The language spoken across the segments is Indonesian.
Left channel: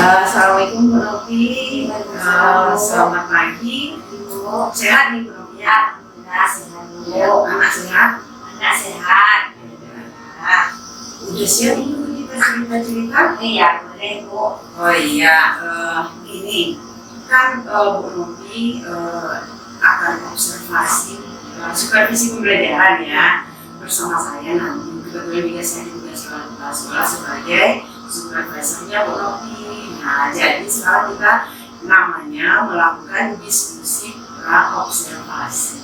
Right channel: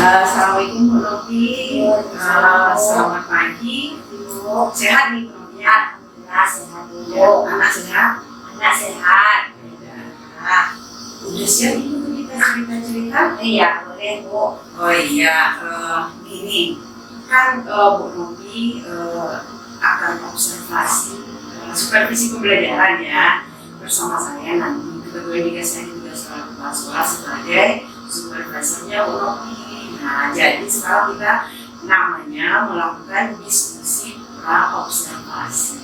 Assalamualaikum Bu Novi. Selamat pagi. Sehat nih Bu Novi ya? Alhamdulillah sehat dulu. Anak sehat? Anak sehat. Nah, udah siap ini Bu kita cerita-cerita? Iya boleh Bu. Oh iya, gini kan Bu Novi akan observasi supervisi pembelajaran ya bersama saya nanti. Kebetulan juga saya juga sekolah sebagai supervisornya Bu Novi. Nah, jadi sekarang kita namanya melakukan diskusi pra-observasi.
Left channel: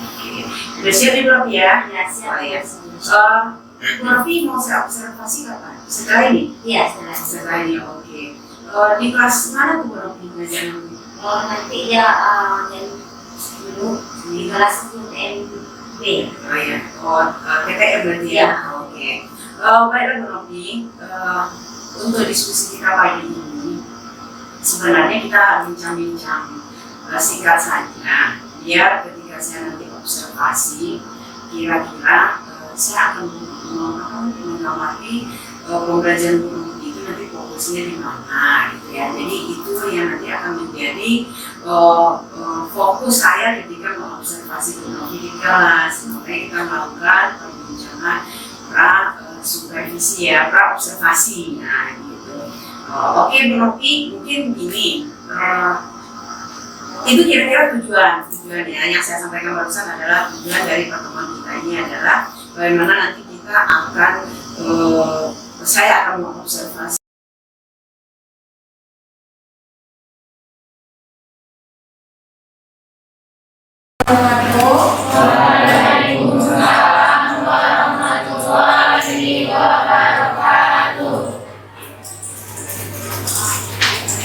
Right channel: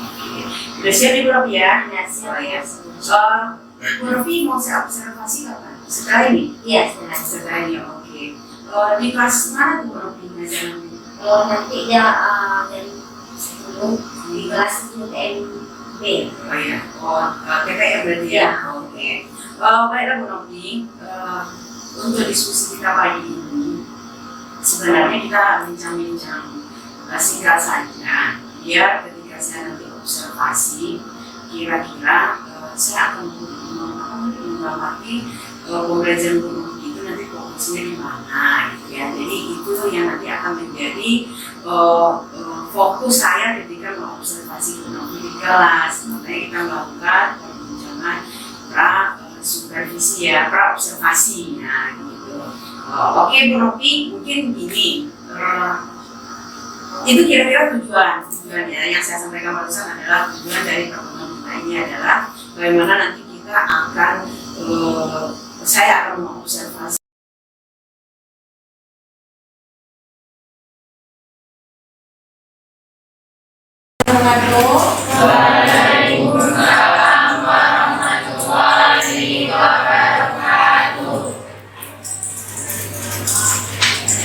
Oke. Udah siap nih Bu Novi ya? Ya siap. Oh, ya. Bu Novi mau saya observasi kapan? Setelah ini? Iya setelah. Setelah ini, oke. Di kelas mana tuh Bu Novi ngajar nanti? Nanti dia jam 10 di kelas TMB. Oh ya, TPR berarti ya? Iya. Oke. Baiklah Bu Novi, untuk diskusi kita pagi ini sebenarnya kita bincang-bincang singkat saja, biar ketika saya nanti observasi kira-kira saya akan mengamati pembelajaran Bu Novi itu nanti fokusnya di mana gitu ya. Jadi itu yang nanti akan menjadi fokus saya ketika mengobservasi Bu Novi di kelas. Makanya kita melakukan perbincangan supervisi ya, pra-observasi. Nah gitu. Oke Bu Novi, mungkin gini, itu kira-kira tujuannya yang saya sampaikan barusan adalah tujuan dari pertemuan kita ini adalah bagaimana nanti kita akan saya akan mengobservasi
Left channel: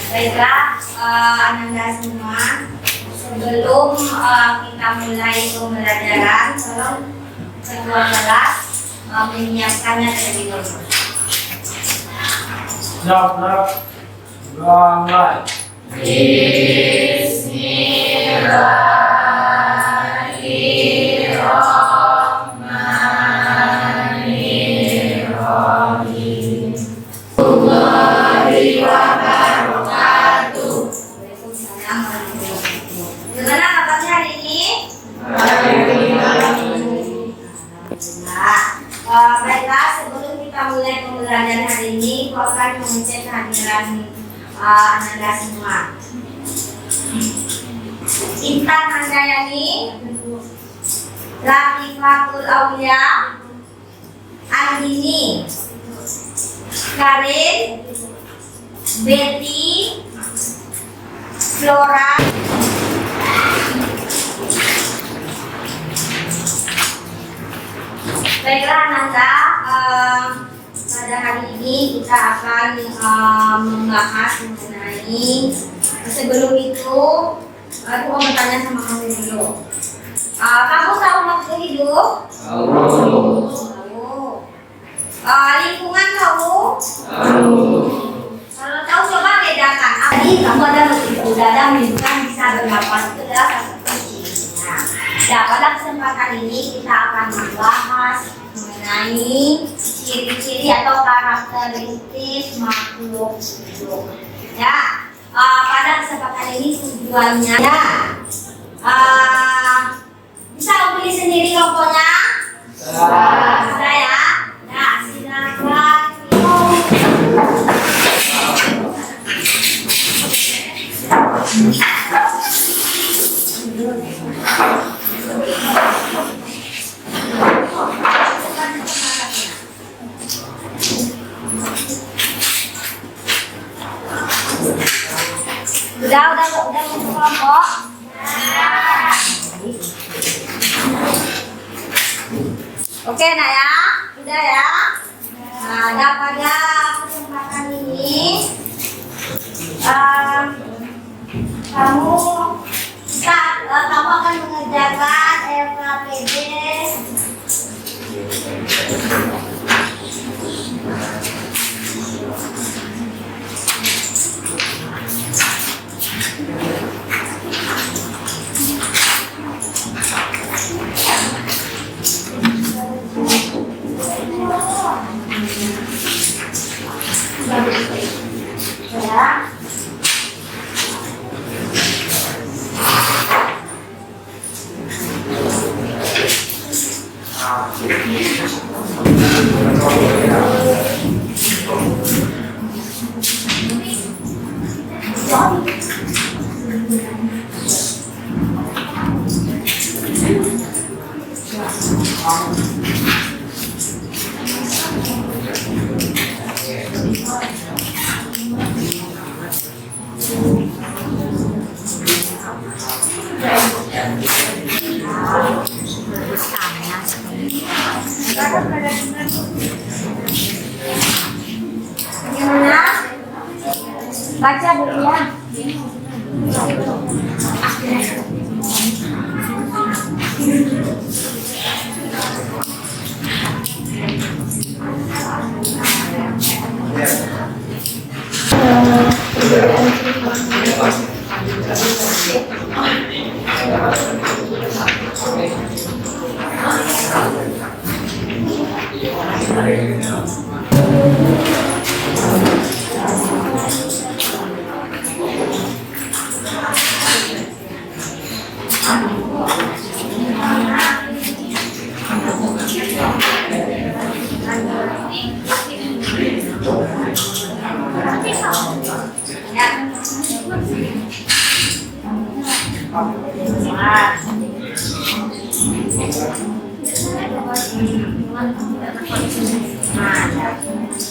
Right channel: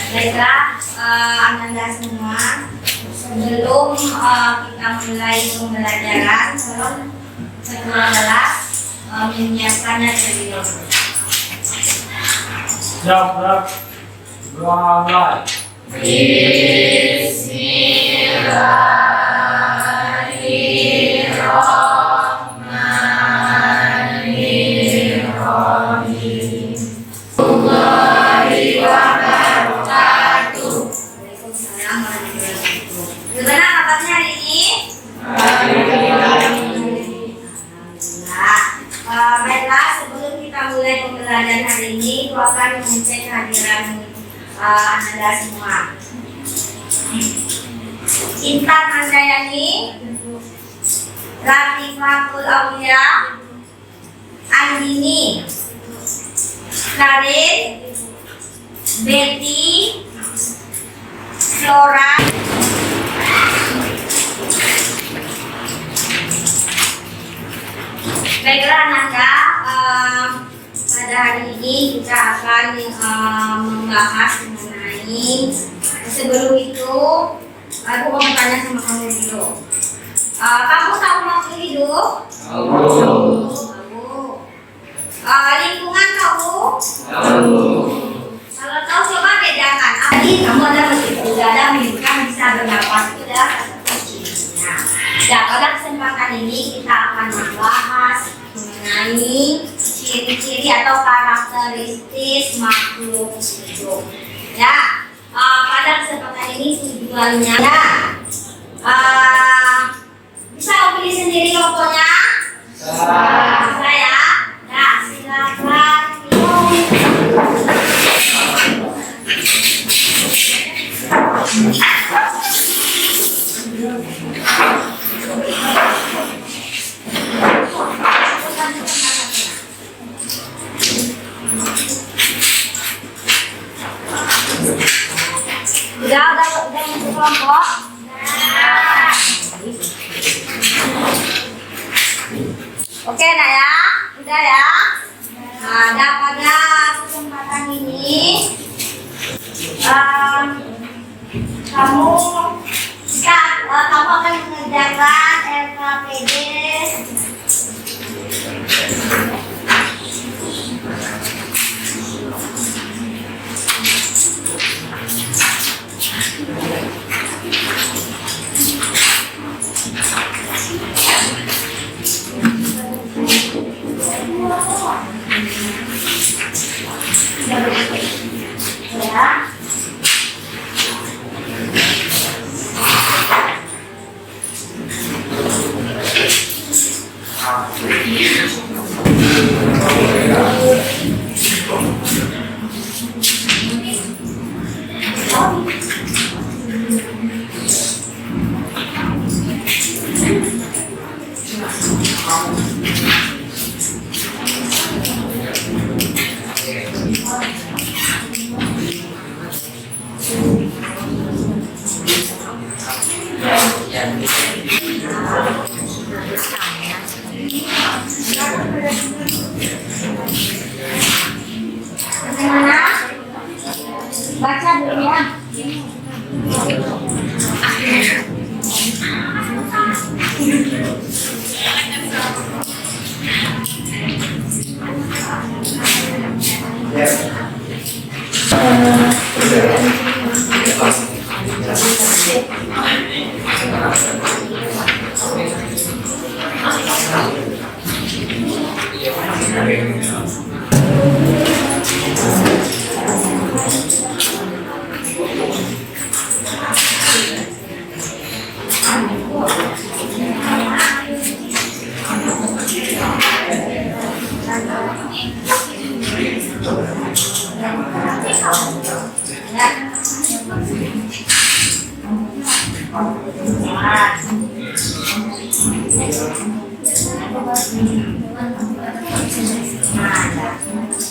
Baiklah, Ananda semua, sebelum kita mulai pembelajaran, tolong ketua kelas menyiapkannya terlebih dahulu. Siap, mulai. Gimana kabarnya hari ini? Baiklah, sebelum kita mulai pembelajaran hari ini, aku akan mengecek kehadiran Ananda semua. Intan Handayani, Latifatul Aulia, Andini, Karin, Betty, Flora. Baiklah Ananda, pada hari ini kita akan membahas mengenai, sebelum itu aku mau bertanya sama kamu dulu. Kamu tahu makhluk hidup? Tahu. Lingkungan kamu? Tahu. Kalau tahu coba bedakan. Tadi kamu ada meski udara menunjukkan bisa bernapas, itu adalah salah satu cirinya. Nah, pada kesempatan ini kita akan membahas mengenai ciri-ciri atau karakteristik makhluk hidup. Ya, pada kesempatan ini tujuannya bisa pilih sendiri kelompoknya? Bisa ya? Nah, silakan. Udah masuk kelompok? Oke nak ya. ya. Bagaimana? Baca dulu ya.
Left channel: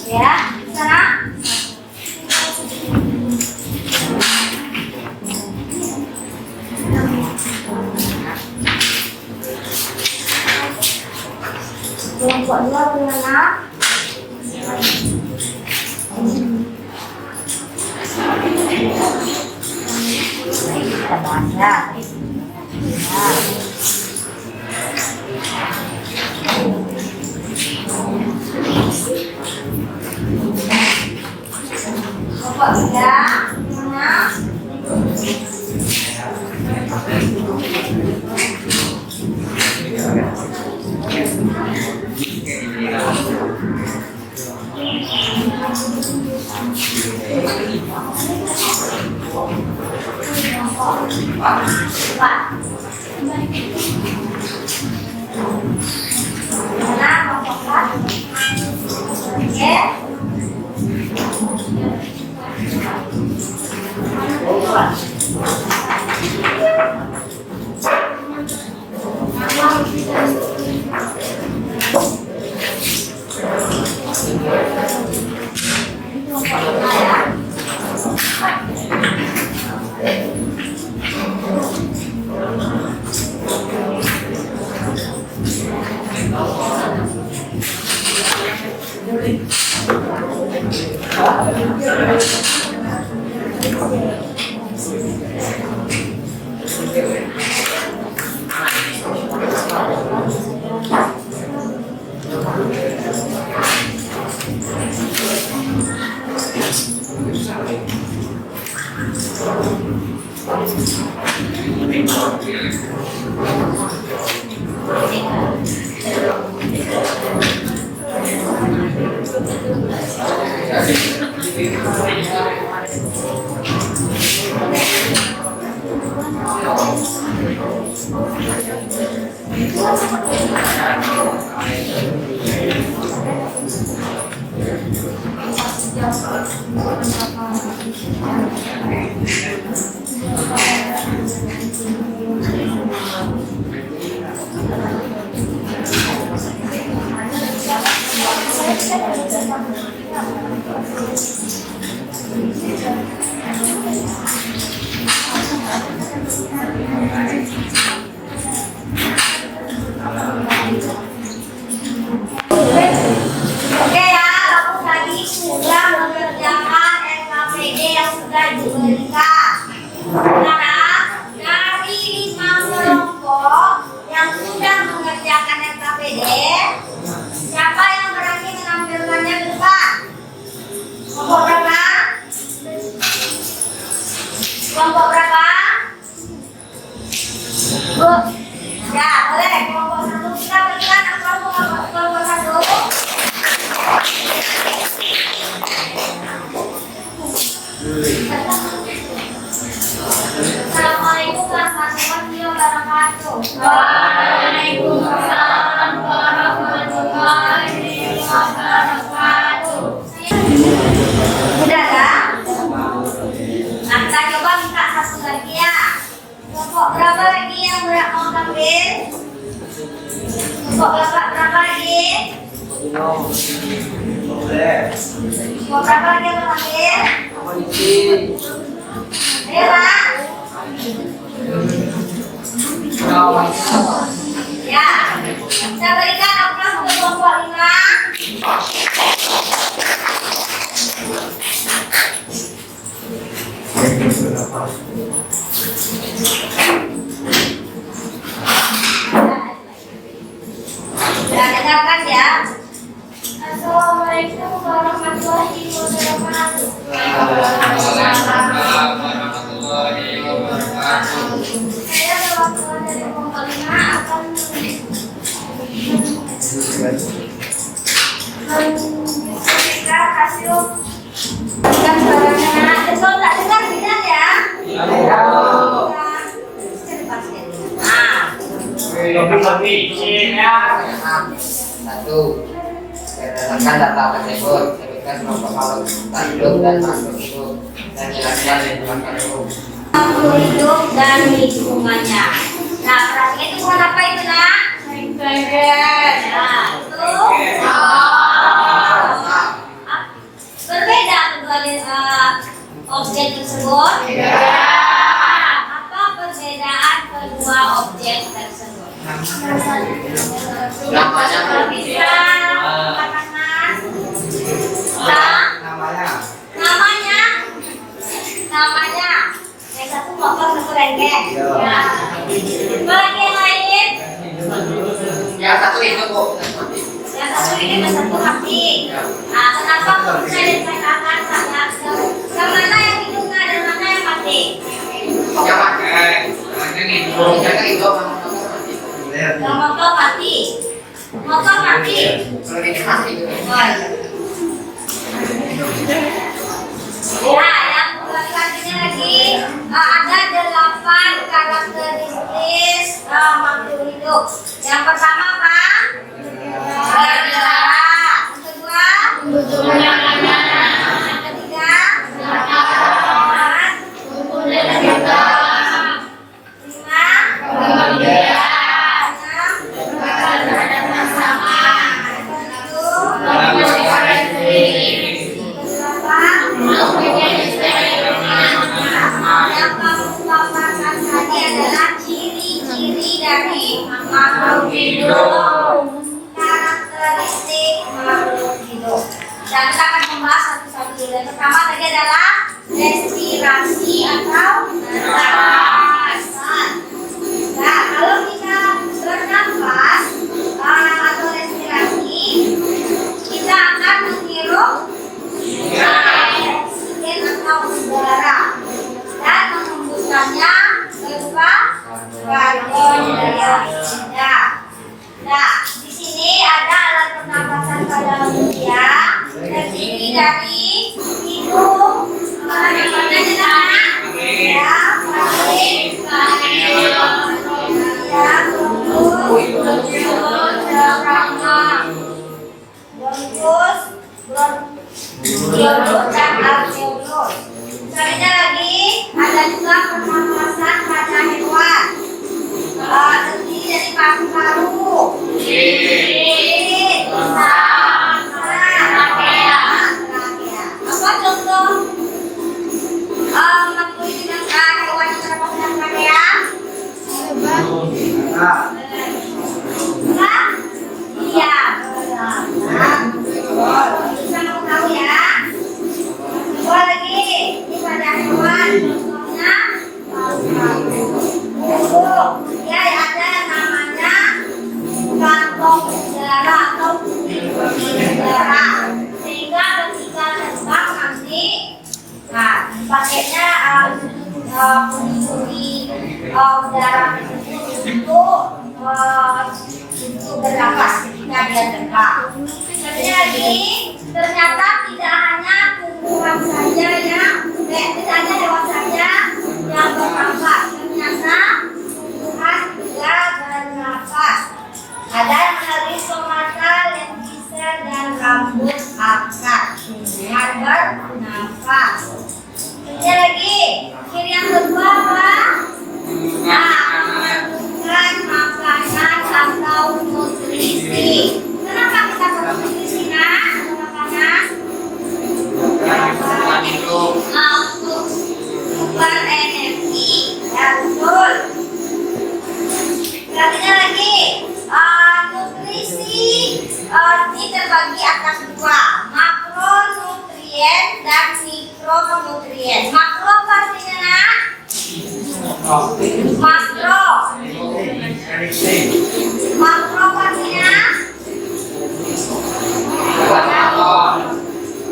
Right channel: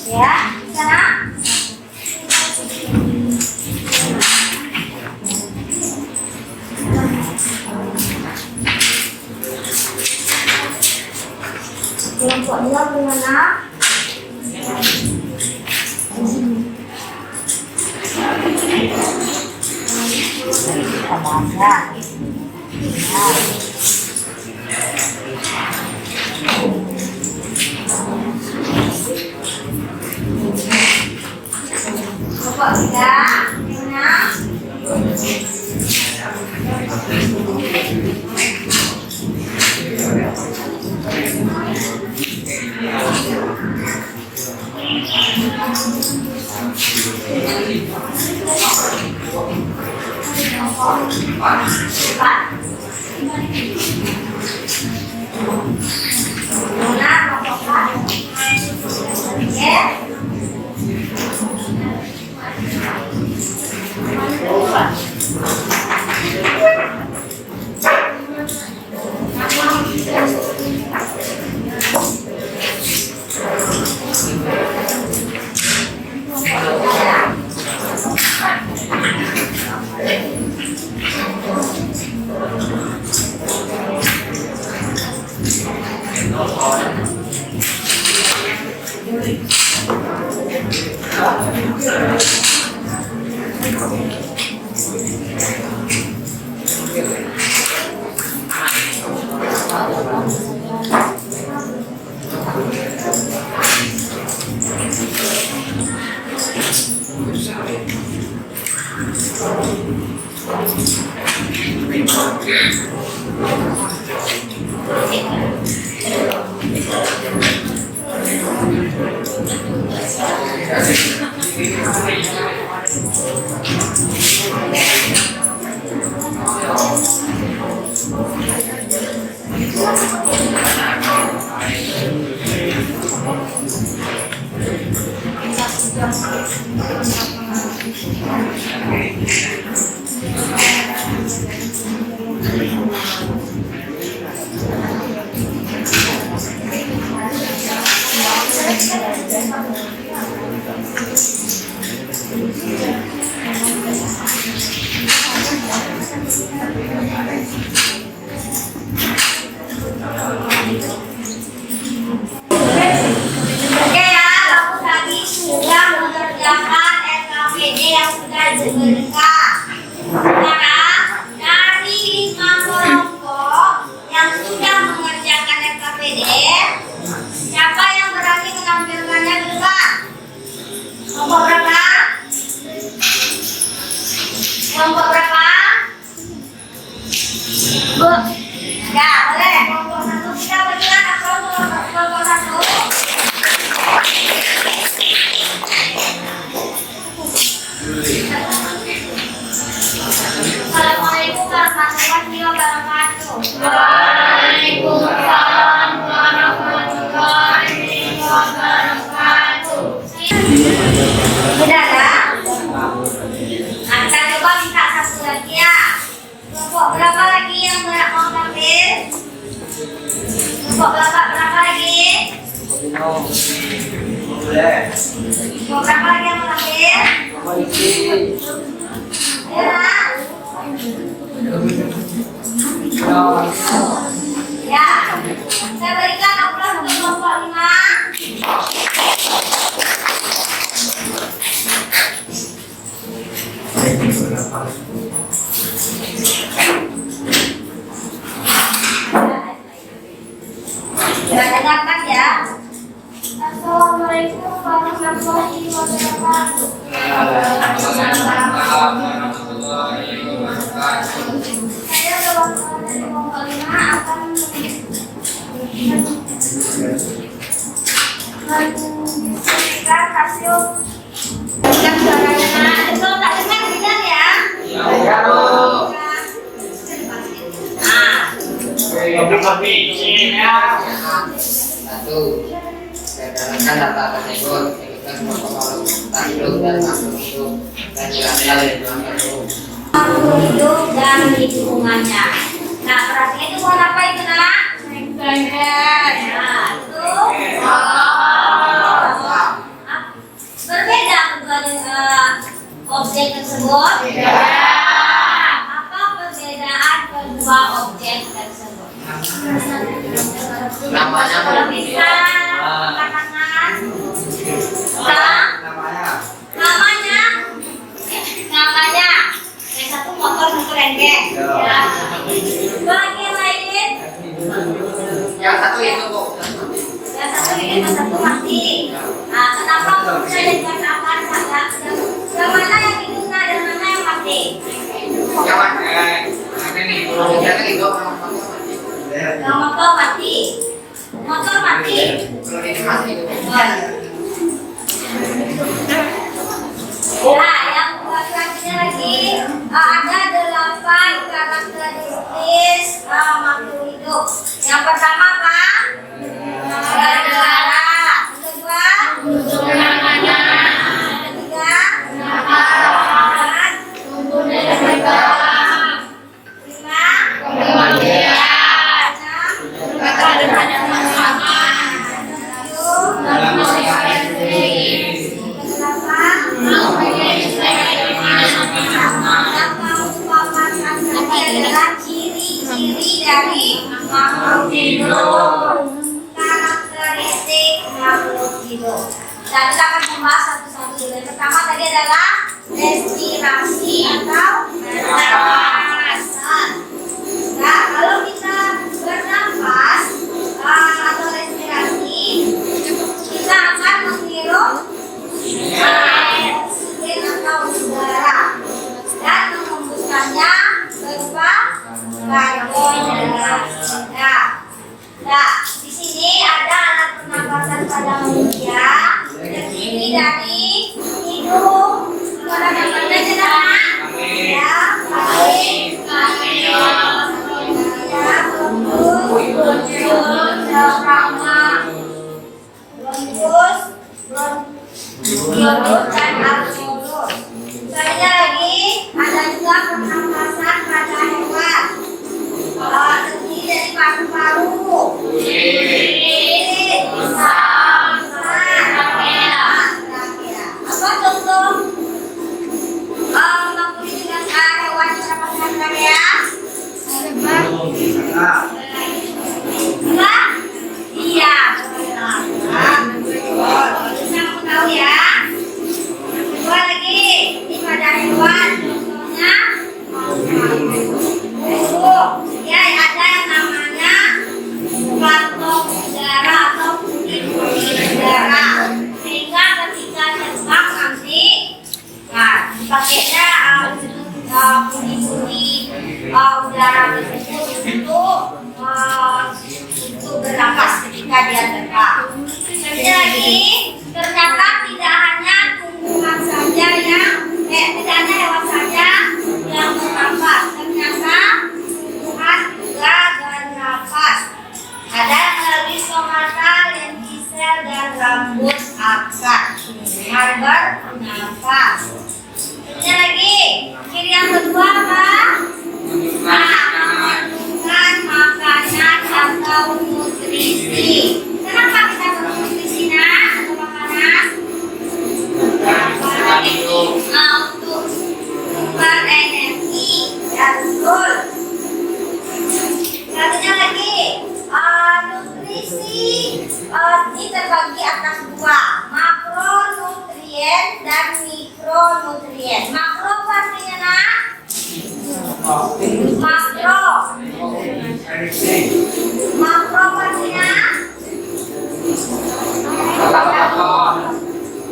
Ya, sana. Kelompok 2 bagaimana? Kita baca. Ya. Kelompok 3 bagaimana? Oke ya, kamu tadi sudah mengerjakan SKPD yang sudah diberikan. Sekarang dari 5 kelompok yang sudah mengerjakan SKPD, siapa yang berani menampilkannya di depan? Kelompok berapa? Kelompok berapa? Bu. Ya, boleh. Kelompok 1 kita berikan aplaus untuk kelompok 1. Kok kakak berapa lagi? Kok berapa lagi yang mau lahir? Ayo nak. Ya, saya berikan aplaus untuk kelompok 5. Sudah dengarkan ya. Assalamualaikum warahmatullahi wabarakatuh. Saya perwakilan dari kelompok 5 akan menceritakan hasil dan caranya. Betul tak dengar tidak ya? Tapi isinya Satu, berdasarkan data tersebut, sebutkan kelompok makhluk hidup dan makhluk hidup dan jelaskan lingkungan hidup. Makhluk hidup dan lingkungannya. Nah, perhatikan itu bukan apa itu nak? Nah, itu berbeda kedua objek tersebut. Apa perbedaan kedua objek tersebut? Namanya Bisa katakan namanya yang satu motor satu rengek ya. Bagi yang lain yang satu itu bu, yang satu ini yang satu mati. Nah, kenapa kok bisa dikatakan yang mana yang hidup dan mana yang mati? yang itu Yang motor mati. Motor mati. kalau ini mati itu. Ya, yang selanjutnya lagi ada 8 karakteristik makhluk hidup. Yang pertama apa? Berdarah. Yang kedua? Yang ketiga? Ciri-ciri dari makhluk hidup, karakteristik makhluk hidup. Dan kita akan membahas satu-satu. Yang pertama tadi adalah respirasi atau pernapasan. Nah, kalau kita bernafas atau respirasi, kita akan menghirup oksigen atau udara dan menghembuskannya berupa karbon dioksida. Nah, di sini ada alat pernapasan pada manusia terdiri dari hidung, pernapasannya adalah ya, paling, ya, bronkus, bronkus, dan alveolus. Selanjutnya lagi ada juga pernapasan pada hewan. Terdiri dari paru-paru, kulit, apa contoh makhluk dengan hewan pernapasan trachea? Enggak? Iya. Bisa kamu tahu ya. Kedua lagi ini pada hewan, contohnya burung. Ya, ada yang namanya kantong udara atau putih-putih udara. Sehingga ketika terbang nanti, nah dipakainya putih-putih udara tersebut untuk bernapas ketika dia terbang. Selanjutnya lagi, ternyata tidak hanya tumbuhan saja yang tidak hanya hewan saja yang bernafas. Ternyata tumbuhan juga bernafas. Ada yang melalui stomata, lentisel, dan rambut akar. Bernafas. Ini lagi, ciri yang kedua apa? Nah, mengandungkan makanan atau nutrisi. nutrisi. Kenapa kita perlu nutrisi nak? Atau makanan? Untuk berenergi. Ya betul. Selanjutnya lagi nutrisi ini terbagi atas dua, makronutrien dan mikronutrien. Makro artinya nak? Makro. Makro artinya?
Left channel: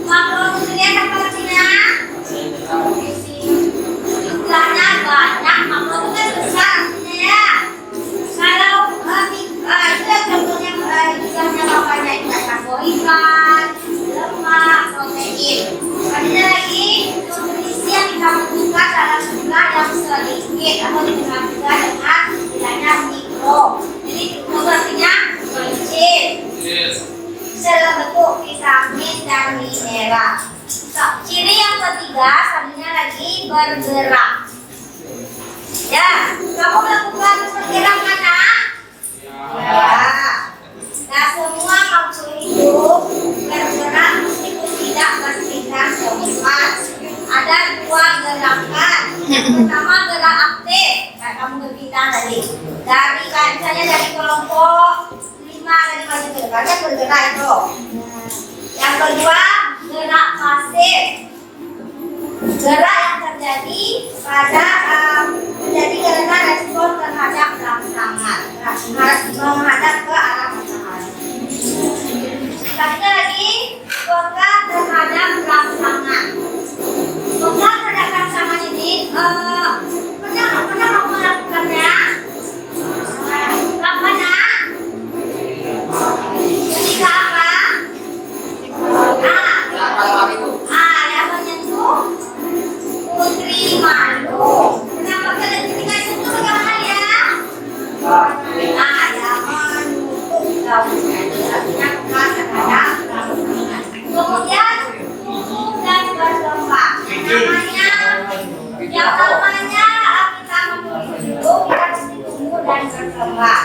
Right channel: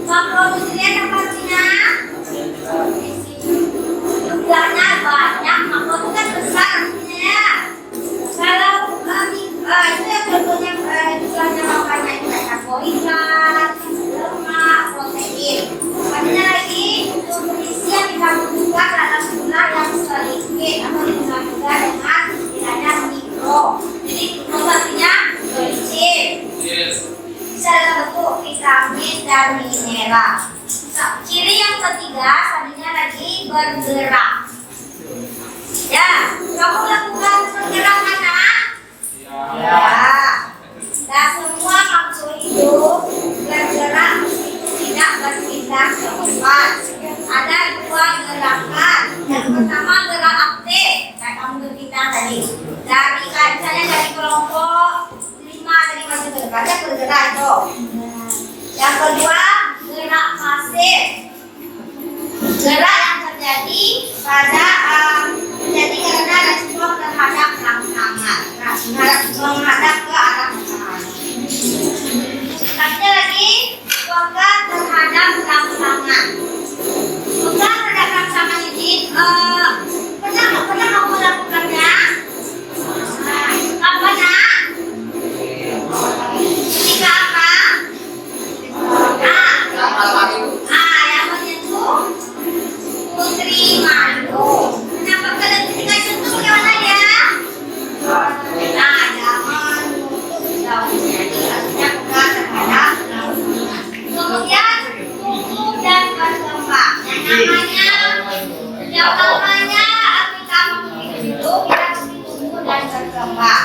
Makronutrien apa artinya? Jumlahnya banyak. Makro itu kan besar artinya ya. Kalau itu yang contohnya jumlahnya bapaknya itu karbohidrat, lemak, protein. Selanjutnya lagi nutrisi yang kita butuhkan dalam jumlah yang sedikit atau dikenal juga dengan istilahnya mikro. Jadi mikro artinya kecil. Bisa dalam bentuk vitamin dan mineral. Ciri yang ketiga, tadinya lagi bergerak. Ya, kamu melakukan pergerakan nak? Ya. Nah, semua makhluk hidup bergerak meskipun tidak berpindah tempat. Ada dua gerakan. Yang pertama gerak aktif, kayak kamu berpindah tadi. Dari misalnya dari kelompok 5 dari maju ke depannya bergerak itu. Yang kedua gerak pasif. Gerak yang terjadi pada terjadi karena respon terhadap rangsangan, menghadap ke arah matahari. Selanjutnya lagi pegang terhadap rangsangan. Pegang terhadap rangsangan ini pernah kamu melakukannya? Kapan nak? Ketika apa? Yang menyentuh putri mandu. Kenapa kalian ketika sentuh bagaimana ya? Jangan menutup daunnya. Artinya pegang terhadap rangsangan. Kemudian tumbuh dan berkembang. Yang namanya kita memiliki hidup, kita mesti tumbuh dan berkembang.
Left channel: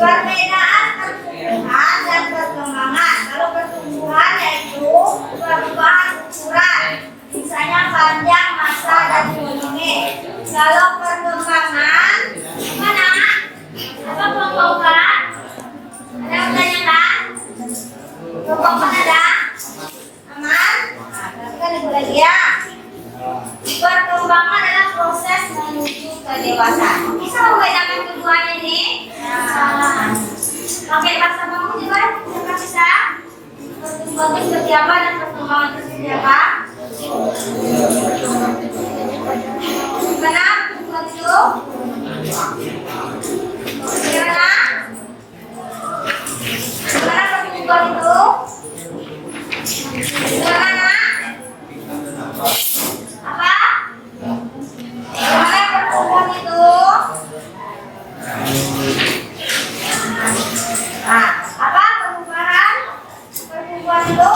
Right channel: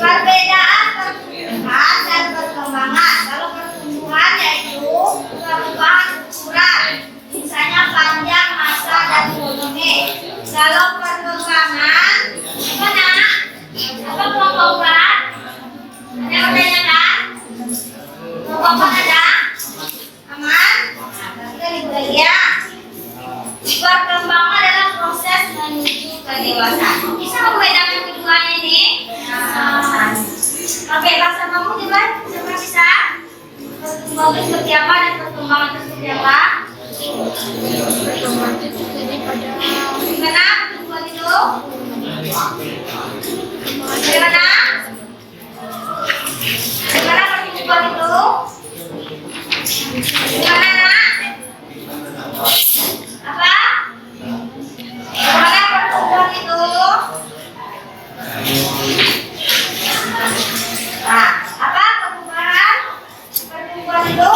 Perbedaan pertumbuhan dan perkembangan. Kalau pertumbuhan yaitu perubahan ukuran, misalnya panjang, massa, dan volume. Kalau perkembangan, mana? Apa kelompok-kelompok? Ada yang bertanyakan? Kelompok ada? Aman? Kita ibu lagi ya. Perkembangan adalah proses menuju kedewasaan. Bisa membedakan keduanya ini? Pakai bahasa kamu coba, siapa bisa? Perkembangan seperti apa dan perkembangan itu seperti apa? Gimana perkembangan itu? Bagaimana? Gimana perkembangan itu? Gimana nak? Apa? Gimana pertumbuhan itu? Nah, apa pertumbuhan? Pertumbuhan itu?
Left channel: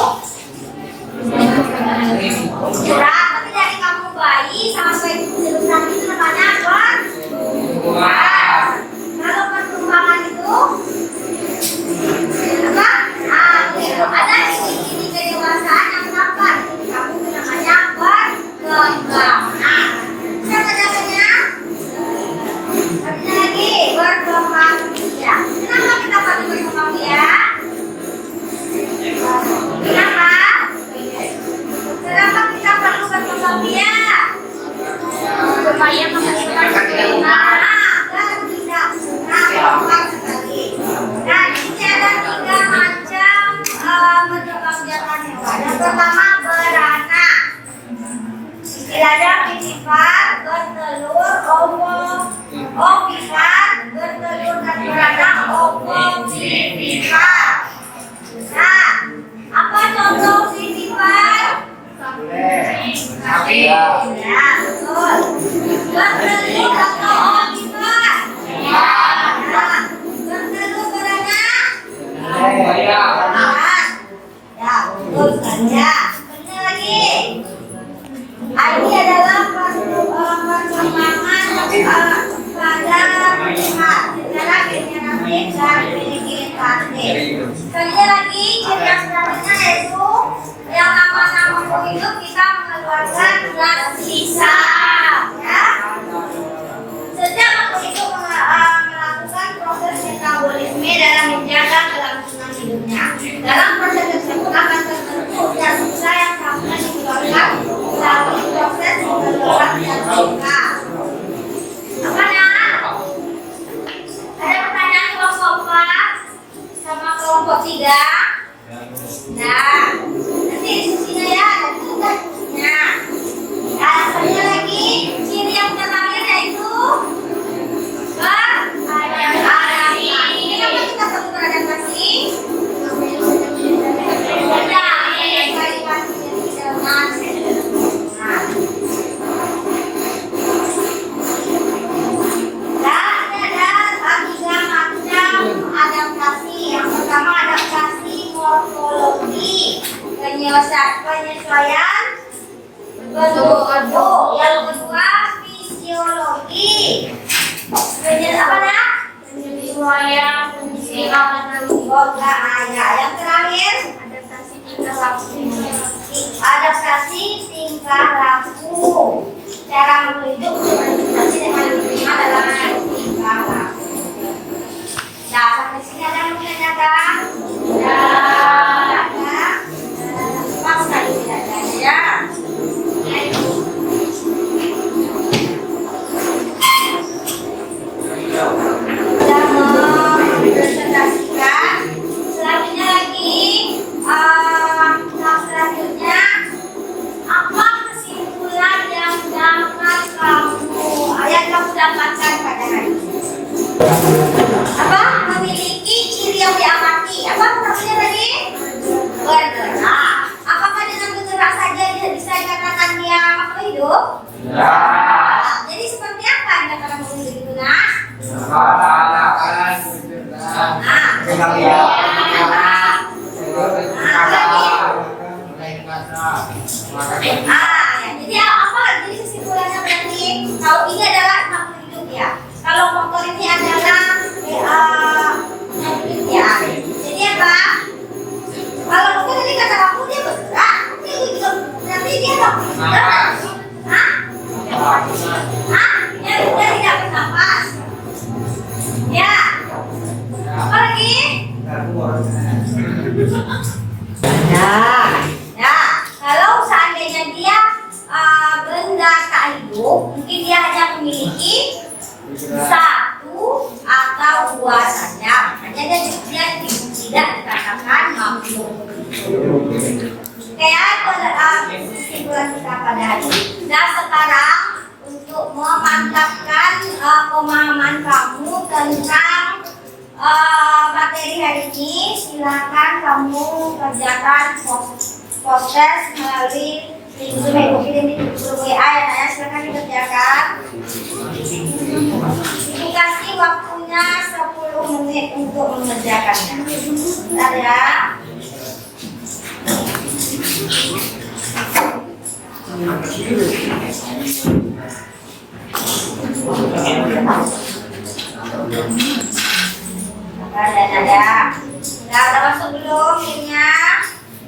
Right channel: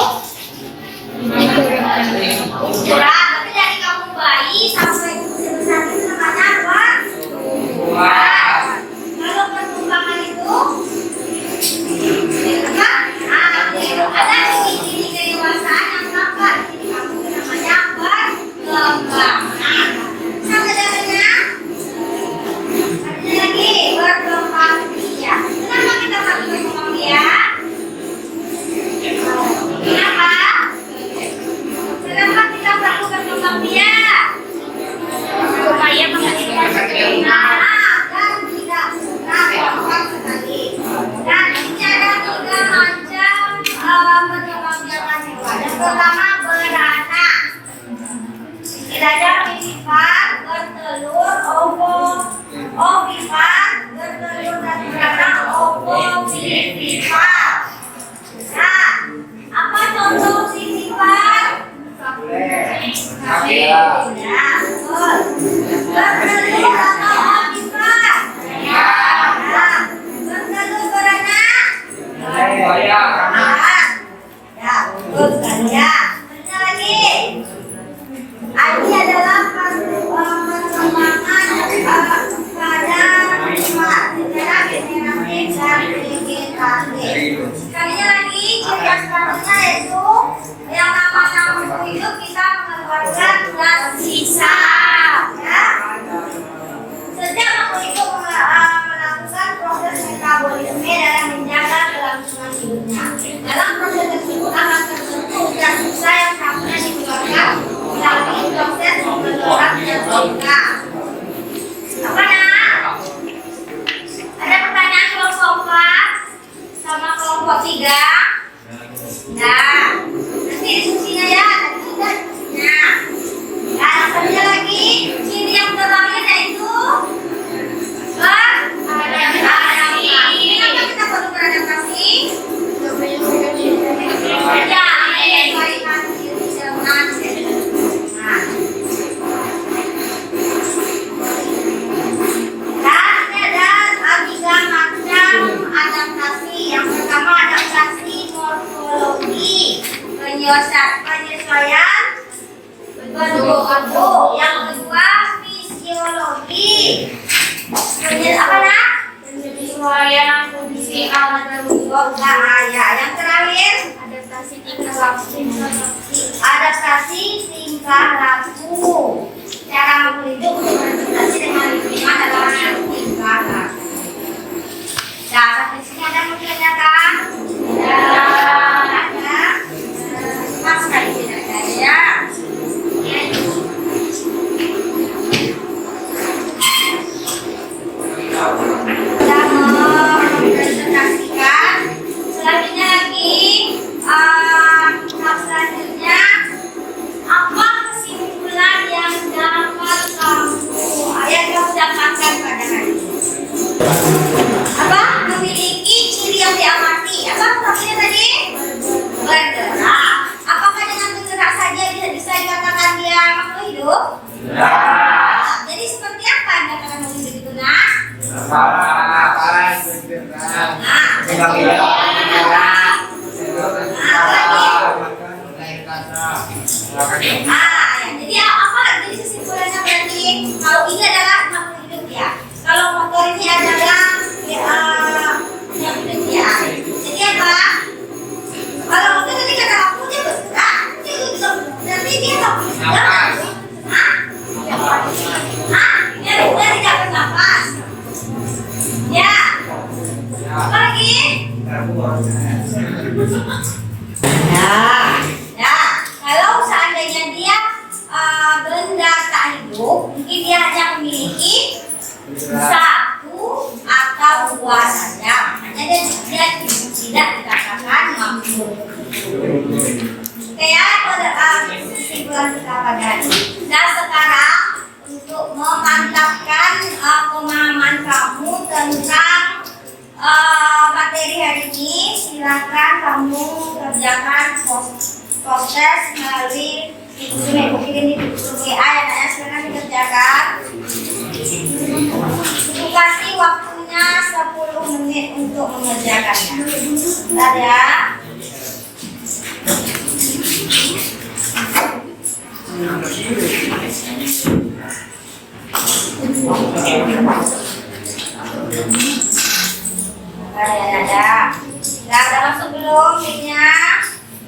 Berat, tapi dari kamu bayi sampai sebesar itu namanya apa? Kalau pertumbuhan itu? Apa? Ada ciri-ciri kedewasaan yang tampak. Kamu itu namanya perkembangan. Bisa bedakannya? Ada lagi berkembang biak. Kenapa kita perlu berkembang biak? Kenapa? Kenapa kita perlu berkembang biak? Supaya dan tidak mengenal sekali. Dan ini ada 3 macam berkembang biakan hewan. Yang pertama beranak. Istilahnya vivipar, bertelur, ovipar, bertelur dan beranak, ovovivipar. Nah, apa contoh vivipar? Sapi. Ya, betul. Bertelur atau ovipar? Ya. Nah, bertelur beranak? Ya. Ya, betul sekali ya. Benar lagi. Ini adalah perkembangan pada primat secara generatif dan Nah, nanti diskusinya ya, dan juga diskusinya. Nah, yang satunya lagi, ciri yang terakhir yaitu beradaptasi. Kenapa kita perlu beradaptasi? Ya, menyesuaikan diri dengan nah. Dan ada 3 macam adaptasi. Yang pertama adaptasi morfologi, penyesuaian bentuk. Yang kedua fisiologi, apa nak? Penyesuaian fisial dan yang terakhir adaptasi tingkah laku. Cara hidup beradaptasi dengan lingkungan dalam tingkah laku. Nah, sampai sini ada yang menanyakan? Ada. Pas sekali tidak ada ya. Sudah mempresentasikan. Selanjutnya lagi, tahap selanjutnya, apa kesimpulan yang dapat kamu dapatkan pada hari ini? Apa? Memiliki ciri yang diamati. Apa maksudnya tadi? Bergerak. Apakah dengan bergerak saja bisa dikatakan dia makhluk hidup? Ya. Jadi seperti apa yang dikatakan makhluk hidup itu, Nas? Jadi apa? Jadi kesimpulannya berarti kalau ini adalah makhluk hidup ya. Kalau motor ini adalah yang hidup ya. Jadi apa? Kalau motor tadi kata aku dia bergerak, dia juga nanti dia tak bergerak. Dia tidak bernafas. Ya. Apa lagi? Nah, kalau seandainya dia benda tak hidup, mungkin dia hanya memiliki 1 atau 2 saja. Makanya dia tidak dikatakan makhluk. Oke ya, itu adalah kesimpulan kita pada hari ini. Nah, sekarang untuk memantapkan pemahaman kamu tentang materi hari ini, silakan kamu kerjakan proses melalui kirim di grup WA ya, Naya. Silakan dikerjakan. Dikasih waktunya 10 menit untuk mengerjakannya. Bentar ya. Ada. Udah masuk belum linknya?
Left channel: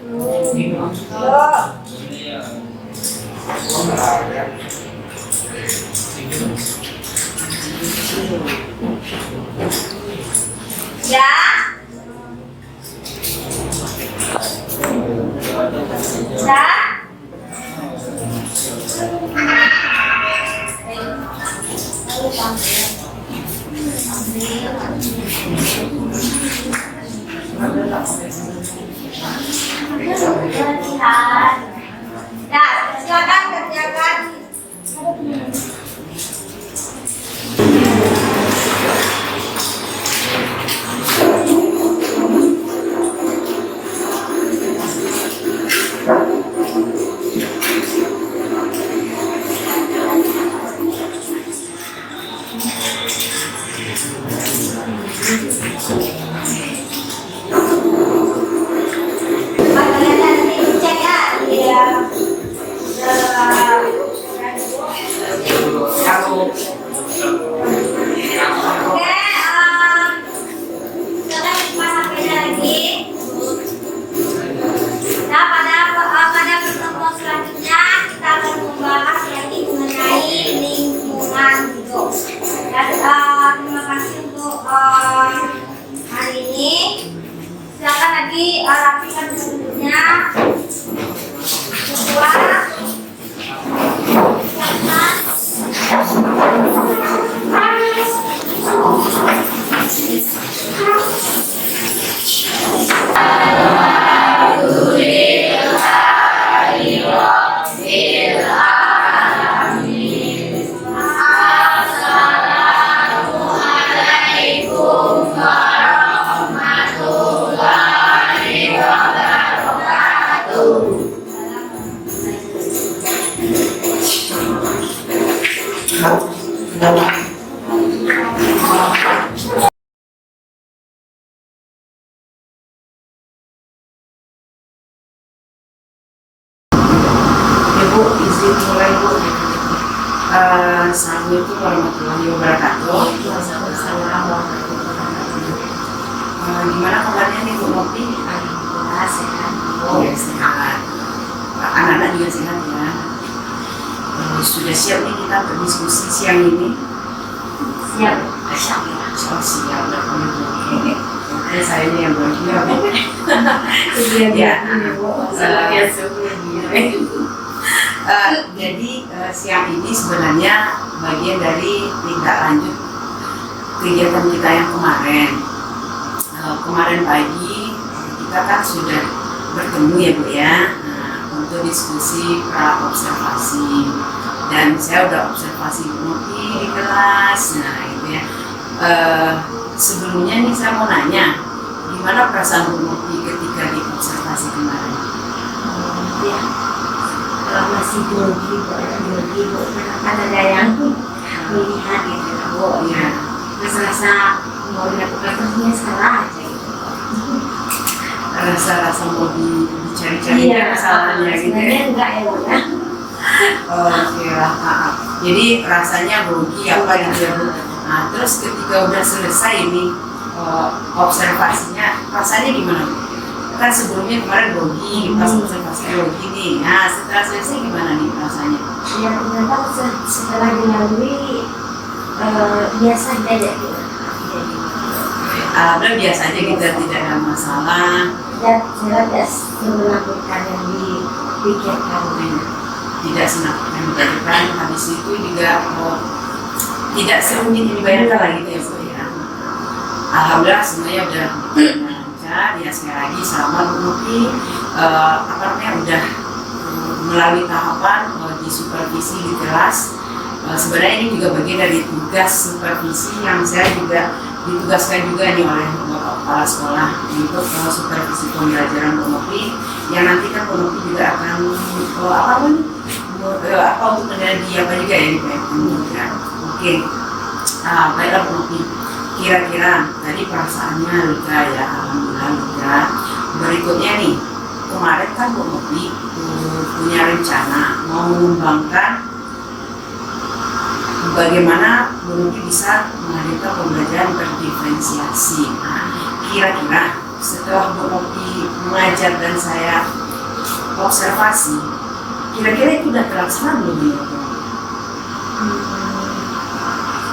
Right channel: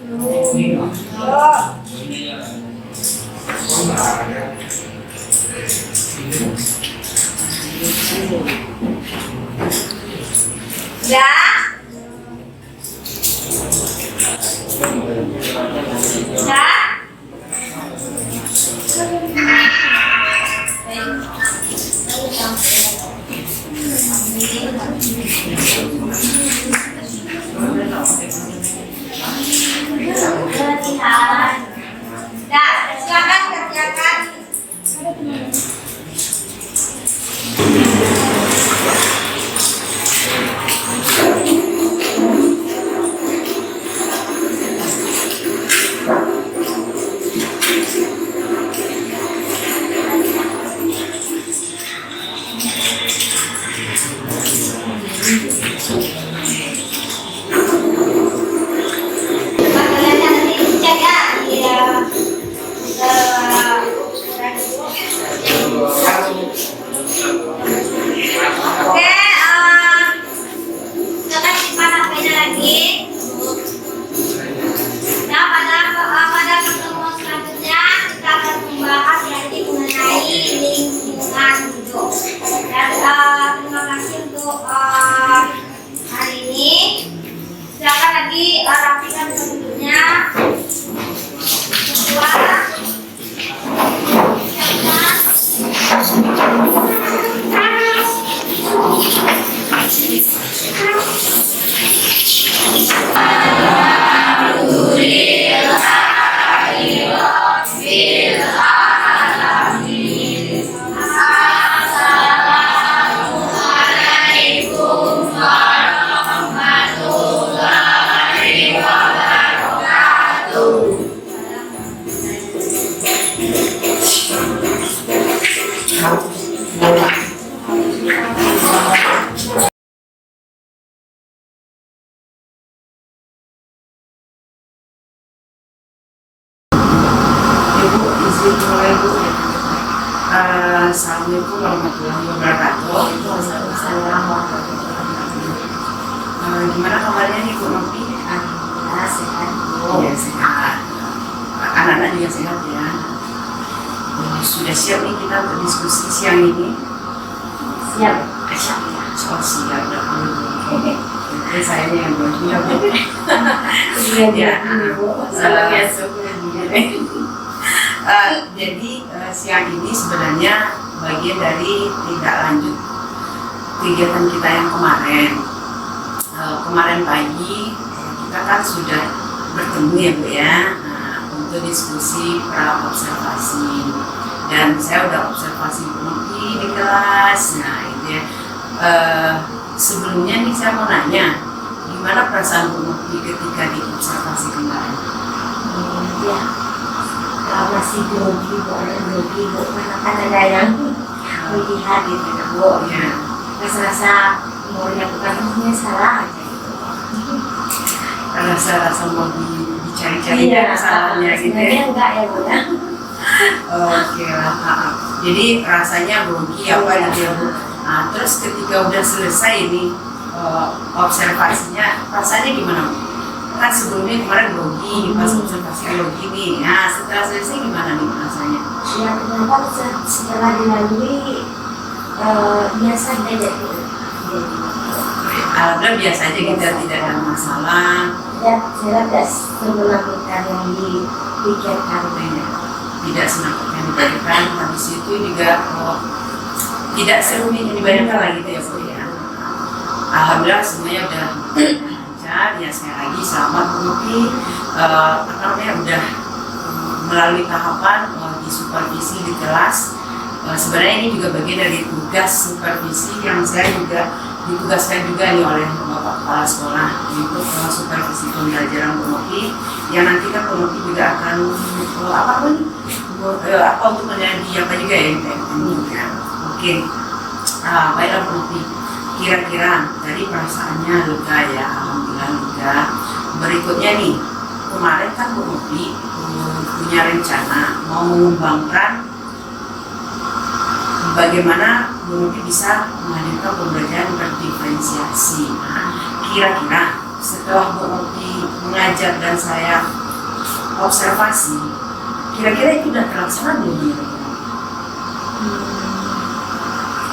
Belum. Ya. Ya. Nah, silakan kerjakan. rapikan penduduknya. Kedua, siapkan. Bu, izin mulai Bu. Assalamualaikum warahmatullahi wabarakatuh. Waalaikumsalam warahmatullahi wabarakatuh. Gimana kabarnya nih Bu Nopi? Alhamdulillah sehat Bu. Ya sehat. Anak-anak juga sehat ya. Sudah siap nih kita untuk diskusi siang ini? Siap. Siap. Oh siap, udah boleh. Oke, saya yang belum siap. Iya Bu. Salam ya jadi siang ini sebenarnya bagian dari tindak lanjut kegiatan kita yang kemarin. Kemarin pagi kita kan sudah bertemu ya Bu ya, untuk diskusi pra observasi, dan saya udah observasi Bu Nopi di kelas. Nah itu ya. Sebelumnya nih saya mau nanya, gimana perasaan Bu Nopi ketika di observasi kemarin? Ya. Kalau masih grogi Bu, karena kan ada yang melihat gitu Bu. Ya. Rasa-rasa mau dilakukan terusnya salah aja gitu. Rasa-rasa mau dicari-cari masalahnya gitu ya. Sebenarnya enggak ya Bu ya. Oke lah, jadi rasanya grogi apa gitu ya Bu. Nah, terus ketika udah selesai ini observasinya, rasanya gimana Bu? Kan sebelumnya kemarin grogi, pas observasi grogi nih. Nah, setelah selesai gimana nih rasanya? Ya ternyata setelah dilalui biasa aja deh Bu. Alhamdulillah biasa aja gitu, tidak ada masalah. Dan saya tidak semenakutkan yang dipikirkan. Tidak senang yang dipikirkan. Habis itu juga tidak serumit yang dibayangkan lah gitu ya Bu ya. Alhamdulillah semuanya udah lancar. Ya sekali lagi selamat Bu Nopi, udah melalui tahapan di supervisi di kelas. Sebenarnya ini juga bagian dari tugas supervisi yang saya juga ditugaskan juga nih oleh Bapak Kepala Sekolah untuk supervisi pembelajaran Bu Nopi, yang nanti kan Bu Nopi juga akan untuk menjadi apa juga ya di PMN juga. Oke. Baiklah Bu Nopi, kira-kira tadi perasaannya lega ya, alhamdulillah lega. Berikutnya nih, kemarin kan Bu Nopi punya rencana mau mengembangkan bagaimana Bu Nopi bisa menghadirkan pembelajaran berdiferensiasi. Nah, kira-kira setelah Bu Nopi mengajar dan saya observasi, kira-kira itu sudah terlaksana belum ya?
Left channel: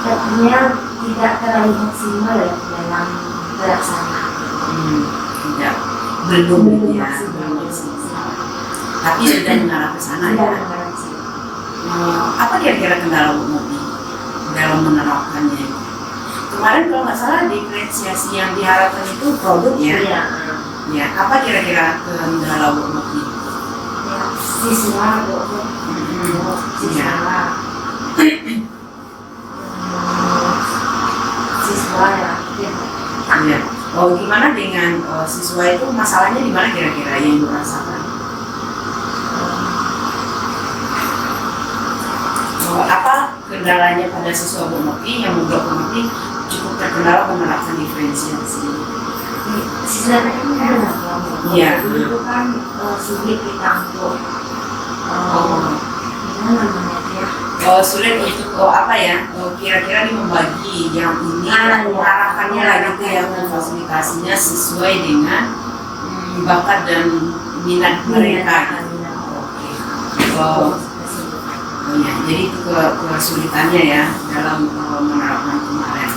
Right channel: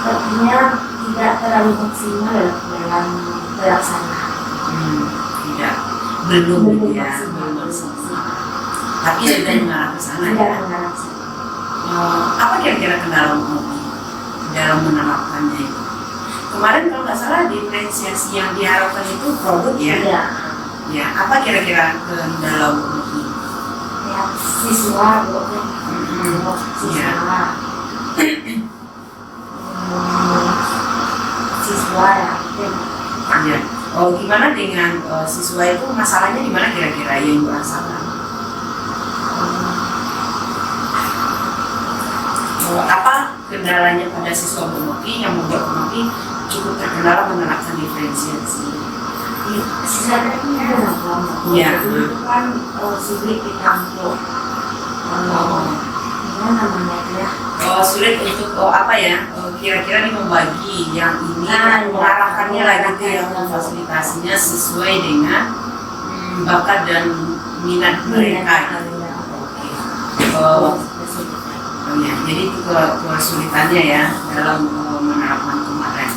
Sepertinya tidak terlalu maksimal dalam pelaksanaan. Tidak, belum ya, belum maksimal. Tapi sudah mengarah ke sana ya. Apa kira-kira kendala Bu Nopi dalam menerapkannya itu? Kemarin kalau nggak salah diferensiasi yang diharapkan itu produk ya? Iya. Ya, apa kira-kira kendala Bu Nopi? Ya, siswa Bu. Siswa. Siswa ya. Ya. Gimana dengan siswa itu, masalahnya di mana kira-kira yang dirasakan? Apa kendalanya pada siswa Bu Nopi yang membuat Bu Nopi cukup terkendala menerapkan diferensiasi? Siswa itu kan Iya. itu kan sulit kita untuk gimana namanya ya? Sulit untuk kira-kira nih membagi yang ini, mengarahkannya lagi gitu ya, memfasilitasinya sesuai dengan bakat dan minat mereka. Ya, jadi itu kesulitannya ya dalam menerapkan kemarin.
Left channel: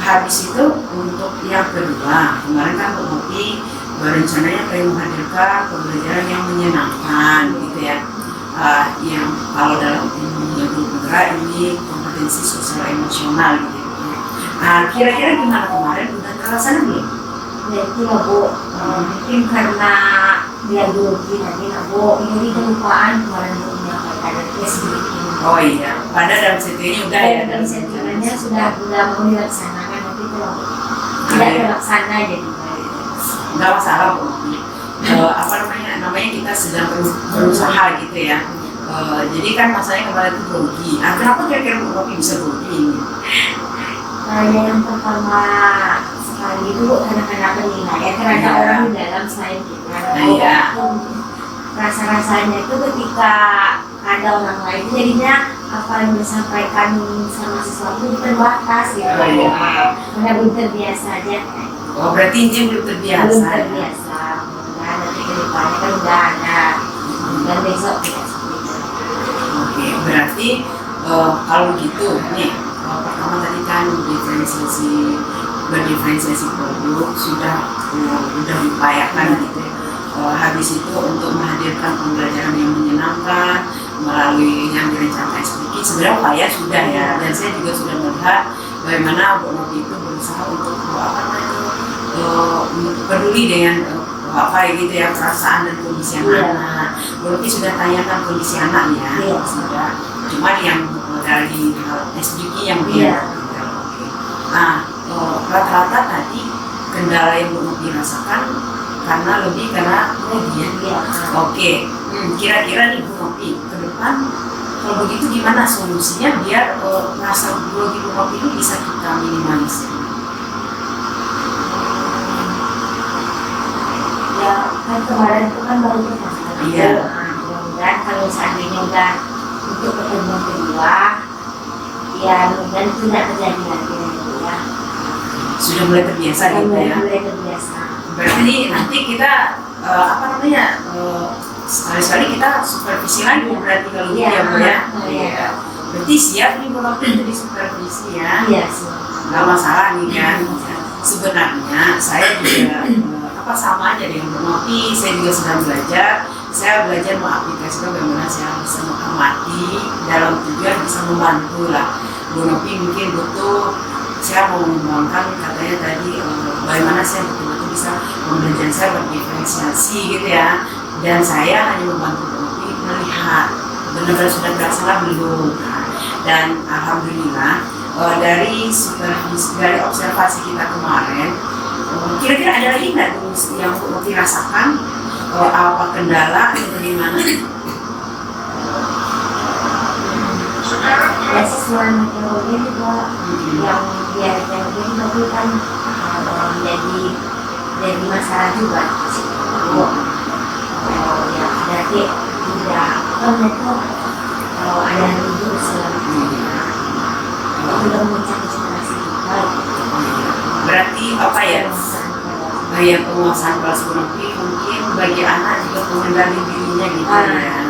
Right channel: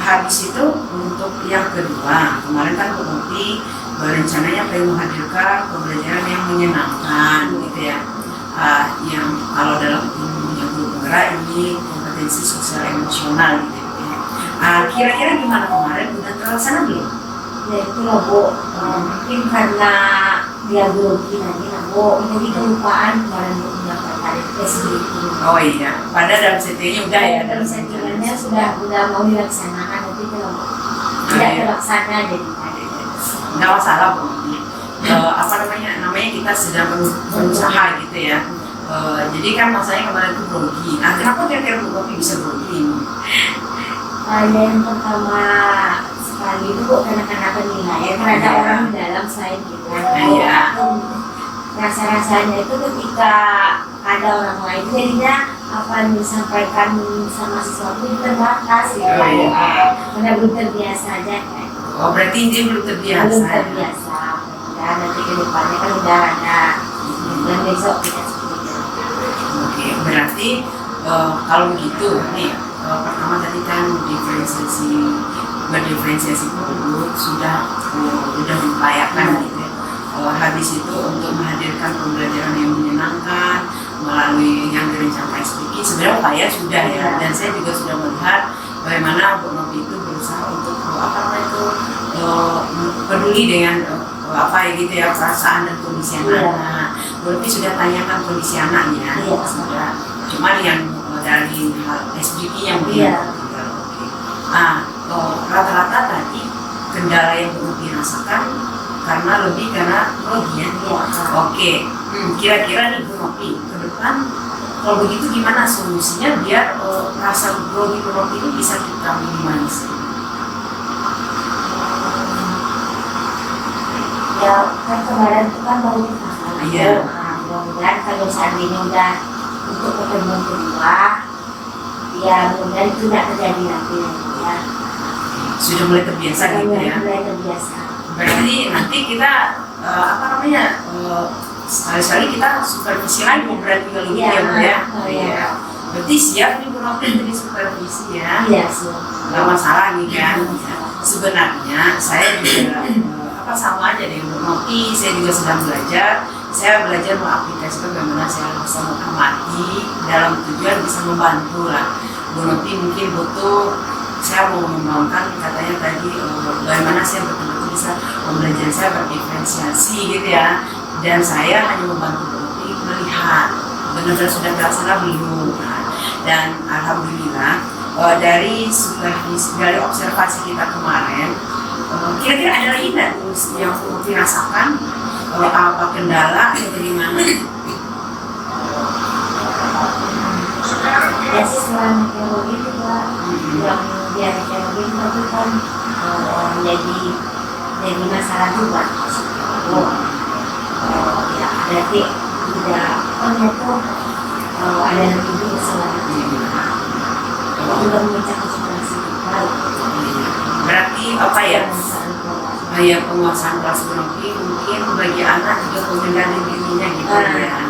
Habis itu untuk yang kedua, kemarin kan Bu Nopi berencananya pengen menghadirkan pembelajaran yang menyenangkan gitu ya. Yang kalau dalam ilmu bergerak ini kompetensi sosial emosional gitu ya. Kira-kira gimana kemarin, udah terlaksana belum? Ya itu lah Bu, mungkin karena dia grogi lagi lah Bu, jadi kelupaan kemarin Bu menyampaikan flexibility. Oh iya, pada dalam settingnya udah ya. Dalam settingannya sudah mau dilaksanakan, tapi kalau tidak terlaksana jadi nggak masalah Bu. Namanya kita sedang berusaha gitu ya. Jadi kan masalahnya kemarin itu grogi. Kenapa kira-kira Bu Nopi bisa grogi? yang pertama sekali itu Bu, karena penilaian, karena ada orang di dalam selain kita. Iya. rasa-rasanya itu ketika ada orang lain jadinya apa yang disampaikan sama sesuatu itu terbatas gitu. Oh, iya. Karena belum terbiasa aja kan. Oh, berarti dia belum terbiasa. Belum Ya? terbiasa. Dan nanti ke depannya kan udah ada. Dan besok tidak seperti itu. Oke, berarti kalau begitu nih pertama tadi kan berdiferensiasi produk sudah diupayakan gitu ya. Habis itu untuk menghadirkan pembelajaran yang menyenangkan melalui yang direncanakan SPK sebenarnya upaya sudah ya, dan saya juga sudah melihat bagaimana Bu Novi itu berusaha untuk peduli dengan gitu ya, perasaan dan kondisi anak. Bu Novi sudah tanyakan kondisi anaknya, sudah. Cuman yang dari SPK yang dia oke. Nah, rata-rata tadi kendala yang Bu Novi rasakan karena grogi ya. Oke. Kira-kira nih Bu Novi ke depan kalau begitu gimana solusinya biar rasa grogi Bu Novi ini bisa kita minimalisir? Ya kan kemarin itu kan baru kita Iya. Mudah-mudahan kalau seandainya udah untuk pertemuan kedua, ya mudah-mudahan itu tidak terjadi lagi ya. Sudah mulai terbiasa gitu ya. Mulai terbiasa. Berarti nanti kita sekali-sekali kita supervisi lagi berarti kalau gitu ya Bu ya. Iya. Berarti siap nih Bu Novi jadi supervisi ya. Iya siap. Nggak masalah nih kan. Sebenarnya saya juga sama aja dengan Bu Novi, saya juga sedang belajar. Saya belajar mengaplikasikan bagaimana saya bisa mengamati dalam tujuan bisa membantu lah. Bu Novi mungkin butuh, saya mau mengembangkan katanya tadi bagaimana saya betul-betul bisa pembelajaran saya berdiferensiasi gitu ya. Dan saya hanya membantu Bu Novi melihat benar-benar sudah terlaksana belum. Dan alhamdulillah dari observasi kita kemarin, kira-kira ada lagi nggak yang Bu Novi rasakan? Apa kendala atau dari mana? Ya sih selain teknologi juga yang biar teknologi itu kan jadi masalah juga. Ya berarti tidak itu ada yang hidup selanjutnya. Juga memecah konsentrasi kita. Berarti apa ya? Penguasaan kelas Bu Novi mungkin bagi anak juga mengendali dirinya gitu ya.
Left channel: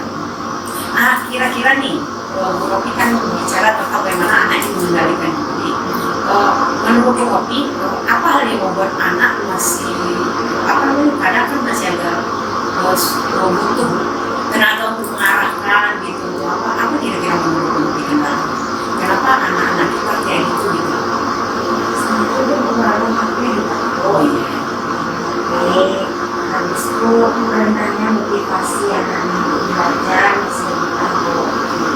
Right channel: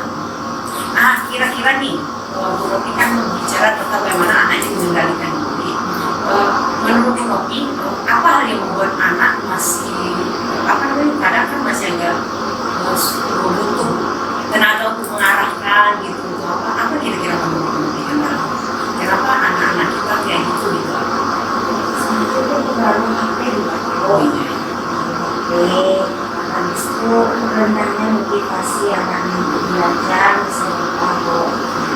Kira-kira nih Bu Novi kan bicara tentang bagaimana anak itu mengendalikan diri. Menurut Bu Novi, apa hal yang membuat anak masih kadang kan masih agak butuh tenaga untuk mengarahkan gitu untuk apa kira-kira menurut Bu Novi kenapa anak-anak kita kayak gitu gitu? Itu pengaruh HP. Oh iya. Habis itu rendahnya motivasi anak-anak untuk belajar, misalnya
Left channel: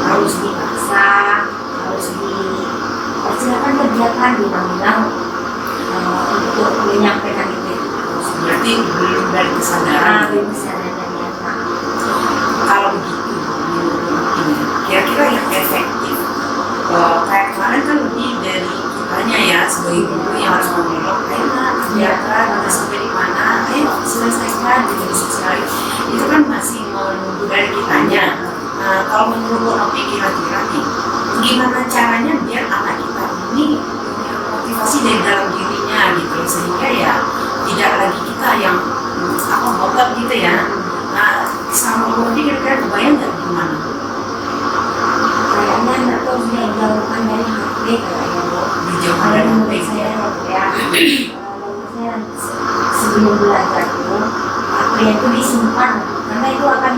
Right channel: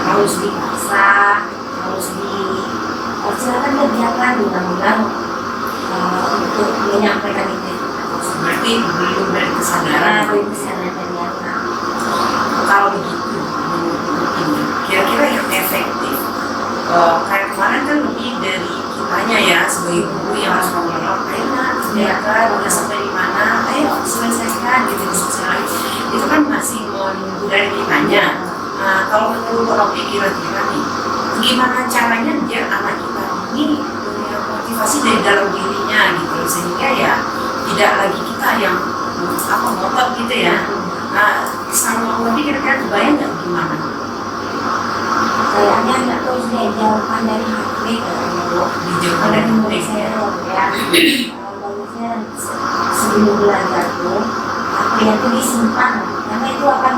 harus dipaksa, silakan kerjakan undang-undang untuk menyampaikan itu. Berarti belum dari kesadaran. Belum kesadaran dari anak. Kalau begitu, kira-kira yang efektif, kayak kemarin kan lebih dari kitanya ya sebagai guru yang harus mengelak, ayo nak kerjakan, udah sampai di mana, ayo selesaikan gitu disosialis. Itu kan masih menunggu dari kitanya. Nah, kalau menurut Bu Novi kira-kira nih, gimana caranya biar anak kita ini punya motivasi dari dalam dirinya gitu, sehingga ya tidak lagi kita yang ngotot gitu ya. Nah, sama Bu Novi kira-kira kebayang nggak gimana? Kayaknya anak tuh sudah dijauhkan dari HP kayaknya Bu. Dijauhkan dari HP saya ya. Bagusnya sebelum belajar tuh HP itu disimpan karena itu akan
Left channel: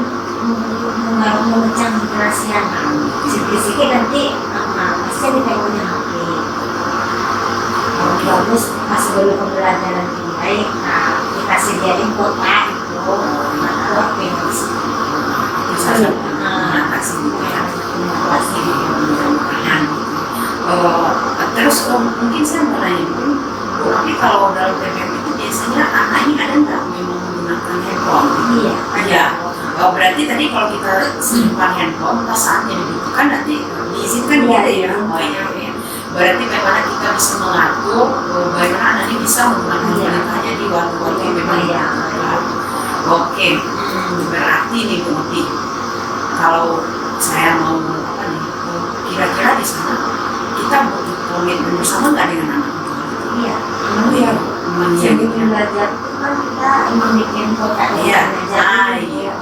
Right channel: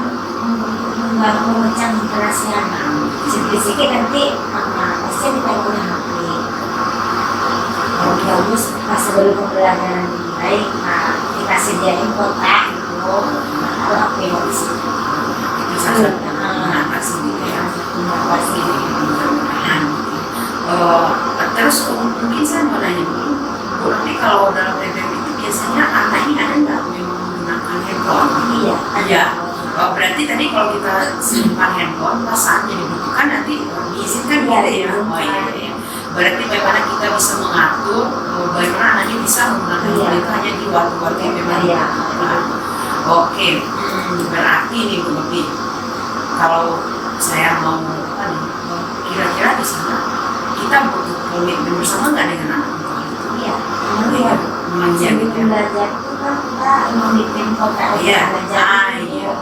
memecah konsentrasi anak. Sedikit-sedikit nanti pasti ditengoknya HP. Kalau bagus pas sebelum pembelajaran dimulai, kita sediain kotak gitu, atau HP yang bisa. Bisa mengatasi gitu ya. Terus mungkin saya mau nanya dulu, Bu Novi kalau dalam TPM itu biasanya anak ini ada nggak memang menggunakan handphone? Iya. Berarti tadi kalau kita simpan handphone pas saatnya dibutuhkan nanti diizinkan gitu ya. Oh iya. Berarti bagaimana kita bisa mengatur bagaimana anak ini bisa menggunakan handphone itu hanya di waktu-waktu yang memang dibutuhkan. Oke. Berarti nih Bu Novi, kalau saya mau apa nih, kira-kira di sana kita butuh komitmen bersama nggak dengan anak itu? Iya. Iya, memang iya Jadi gitu ya. belajar itu kan kita membuat kota Iya, belajar. iya.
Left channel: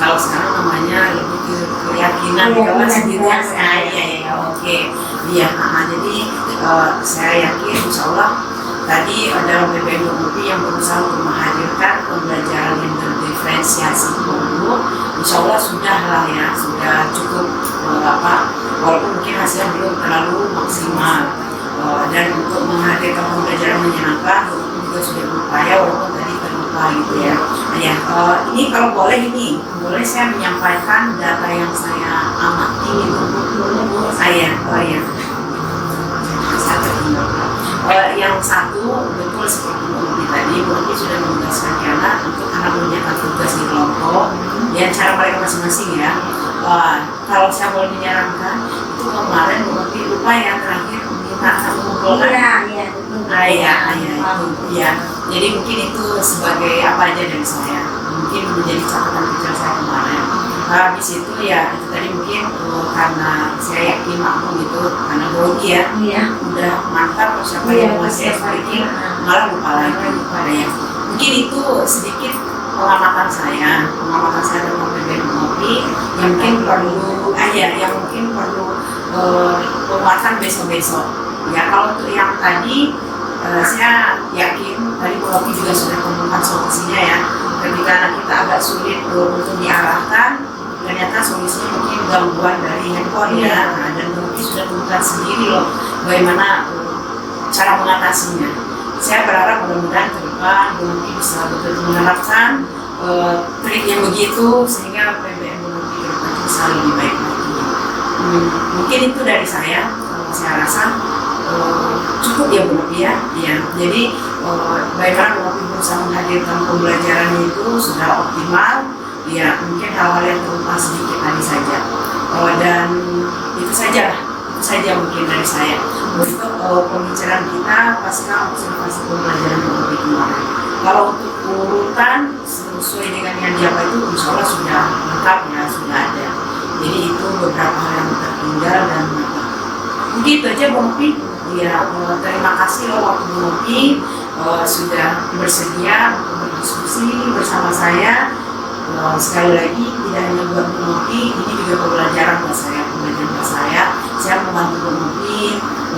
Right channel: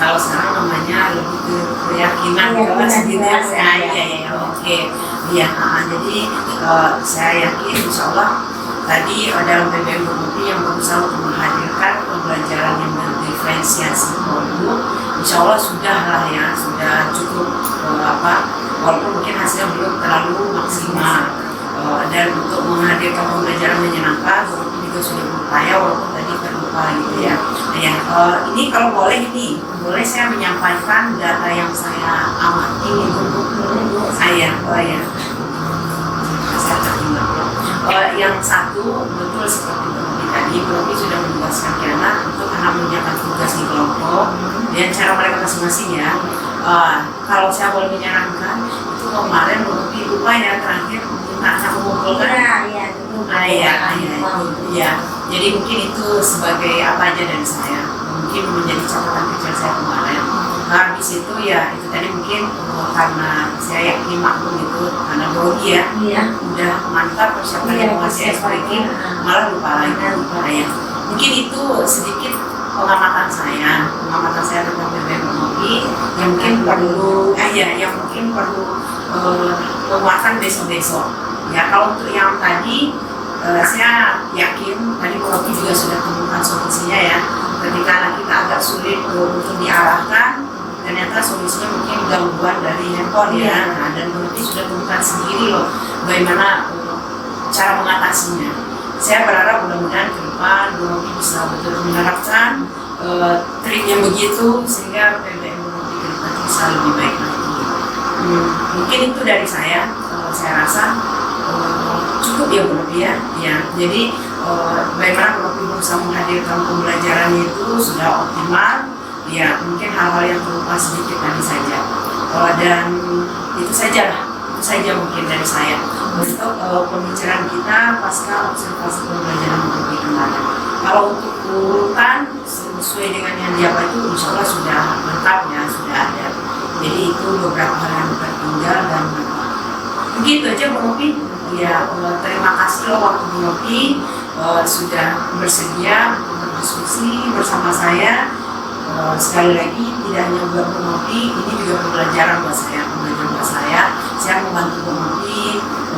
Kalau sekarang namanya lebih ke keyakinan Iya, kelas gitu ya. keyakinan. Iya, oke. Iya, jadi saya yakin insya Allah tadi dalam PBM Novi yang berusaha untuk menghadirkan pembelajaran yang berdiferensiasi dulu, insya Allah sudah lah ya, sudah cukup walaupun mungkin hasilnya belum terlalu maksimal. Dan untuk menghadirkan pembelajaran menyenangkan, walaupun juga sudah berupaya, walaupun tadi terlupa gitu ya. Ini kalau boleh saya menyampaikan data yang saya amati ini dulu. Saya tertinggal. Yang satu betul seperti Bu Novi tadi, Bu Novi sudah menugaskan anak untuk anak mengerjakan tugas di kelompok dan cara mereka masing-masing ya. Kalau saya boleh menyarankan, itu kemarin Bu Novi lupa ya terakhir minta anak mengumpulkan. Iya, betul. Iya. Jadi mungkin itu sebagai apa aja dari saya, mungkin menjadi catatan kecil saya kemarin. Habis itu ya itu tadi mungkin karena saya yakin maklum itu karena grogi ya, Iya. udah mantap persiapan Iya, masih persiapan. malah lupa lagi ya. Mungkin itu sedikit pengamatan saya tentang PBM Novi yang mungkin perlu penguatan besok-besok. Ya kalau untuk yang tadi saya yakin tadi Bu Novi juga sudah temukan solusinya ya. Ketika anak kita agak sulit untuk diarahkan, ternyata solusinya mungkin gangguan dari handphone ya. Nah, dan Bu Novi sudah temukan sendiri loh bagaimana cara mengatasinya. Saya berharap mudah-mudahan ke depan Bu Novi bisa betul-betul menerapkan trik yang begitu sehingga PBM Bu Novi ke depan bisa lebih baik lagi. Mungkin itu dari saya rasa cukup ya Bu Novi ya. Jadi bagaimana Bu Novi berusaha menghadirkan pembelajaran itu sudah optimal. Ya mungkin hal-hal yang terlupa sedikit tadi saja. Dan itu saja mungkin dari saya untuk pembicaraan kita pasca observasi pembelajaran Bu Novi kemarin. Kalau untuk urutan sesuai dengan yang diapa itu insya Allah sudah lengkap ya, sudah ada. Jadi itu beberapa hal yang tertinggal dan begitu aja Bu Novi. Ya, terima kasih loh waktu Bu Novi sudah bersedia untuk berdiskusi bersama saya. Sekali lagi tidak hanya buat Bu Novi, ini juga pembelajaran buat saya. Saya membantu Bu Novi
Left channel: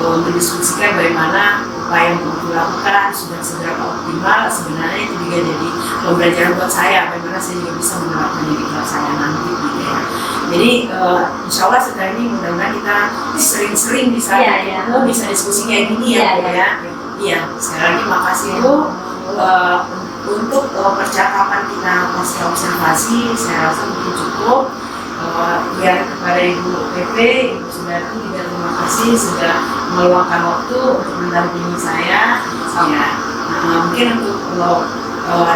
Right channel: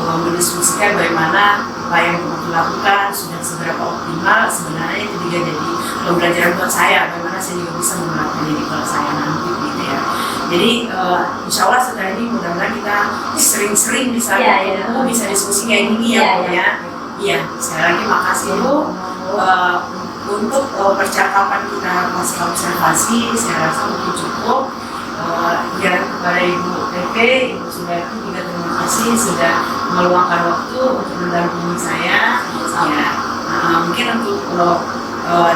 mendiskusikan bagaimana apa yang Bu Novi lakukan sudah seberapa optimal. Sebenarnya itu juga jadi pembelajaran buat saya, bagaimana saya juga bisa menerapkannya di kelas saya nanti gitu ya. Jadi insya Allah setelah ini mudah-mudahan kita sering-sering bisa ketemu, bisa diskusi kayak gini ya Bu ya. Iya, sekali lagi makasih Bu. Untuk percakapan kita pasca observasi saya rasa mungkin cukup. Ya kepada Ibu PP, Ibu Sundari juga terima kasih sudah meluangkan waktu untuk mendampingi saya. Ya, mungkin untuk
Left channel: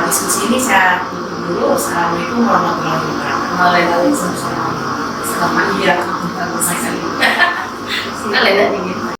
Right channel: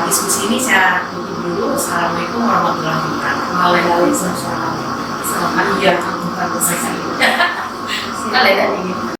diskusi ini saya tutup dulu. Assalamualaikum warahmatullahi wabarakatuh. Waalaikumsalam. Selamat iya untuk saya. Kita lihat ini.